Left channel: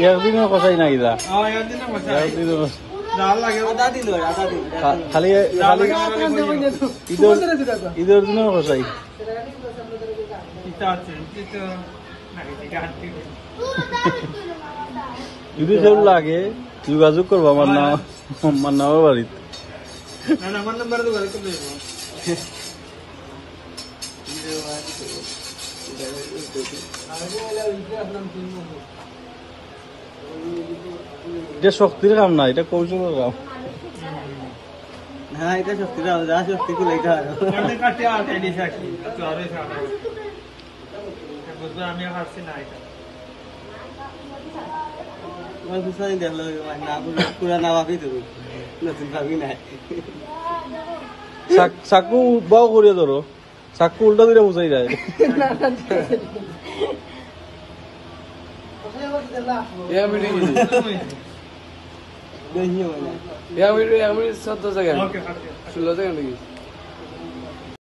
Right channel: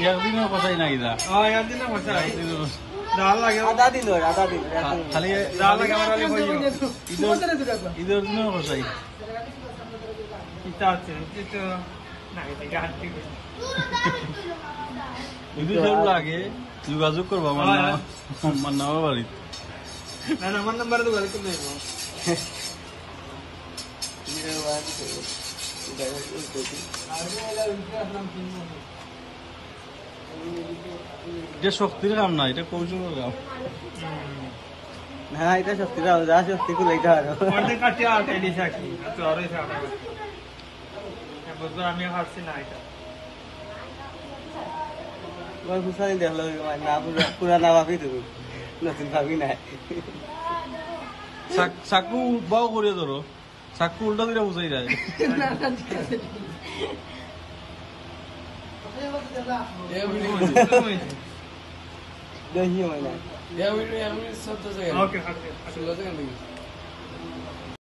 ইয়ার দিনের কথাই নাই দা খালি ঈদের দিনের কথাই যদি সেগুলো লাগে যোগাযোগ করবো আমার নামের বাড়িতে আমার নাম্বার তো গাড়ি করতে এটা শক্তির কাম না, এটা কৌশলের কাম। না এটা শক্তি কাম, যা শক্তি করে এটা আরো আমি হারছি না এটা দেখলো না পুরানা ভাবি তো নতুন ভাবি নাই। চাকু বাও করিয়া ধরো, চাকু উল্টা দিলে বুঝাই যায়। দেখি মানে